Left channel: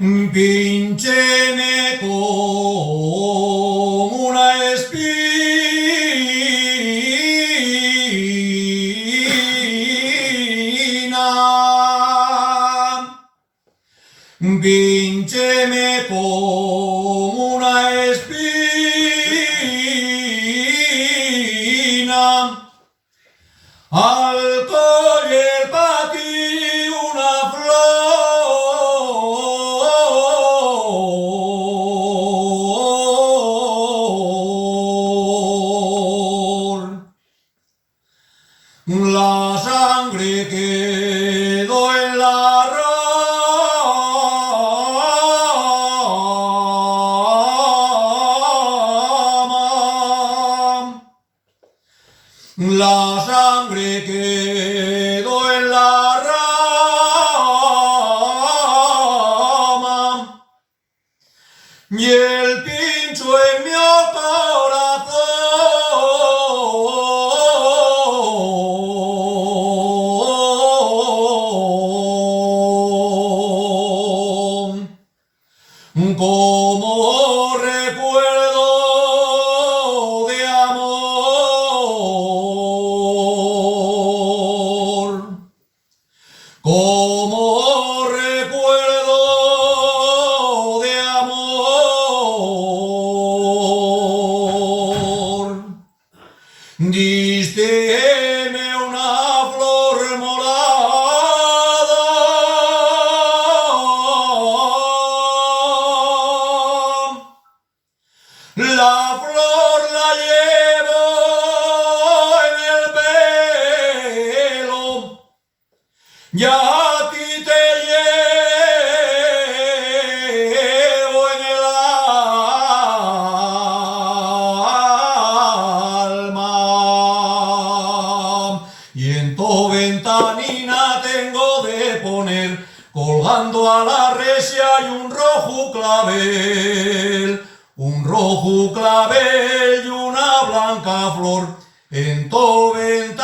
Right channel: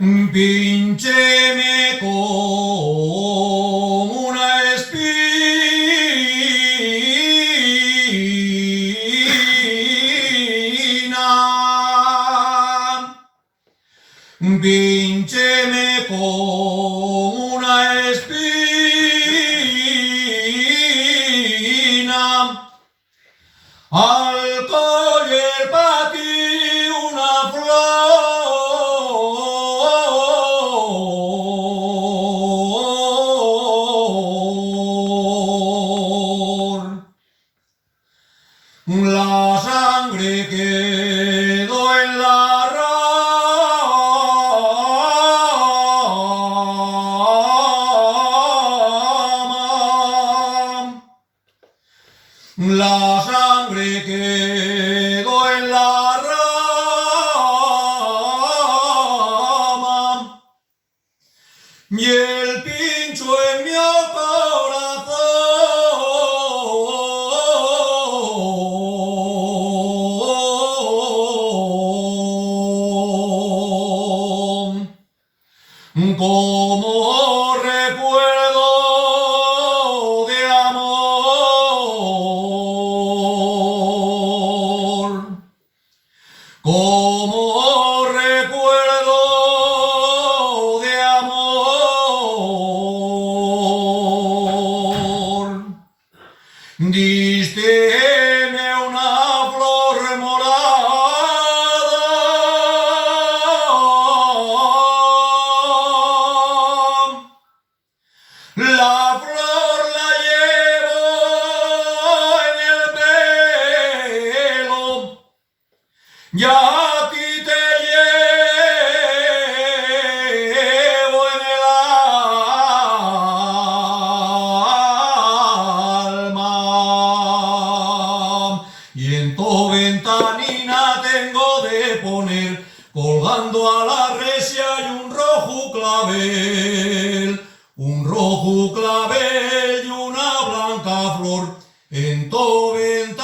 Píncheme con una espina, píncheme con una espina, al coller pa' ti una flor. La sangre quedó en la rama. La sangre quedó en la rama y el pincho en mi corazón. Como recuerdo de amor, como recuerdo de amor, dísteme una flor morada, la flor la llevo en el pelo, y a ti te llevo en el alma, y en tu ventanina tengo de poner, colgando a la resia, y un rojo clavel y una blanca flor en tu ventana.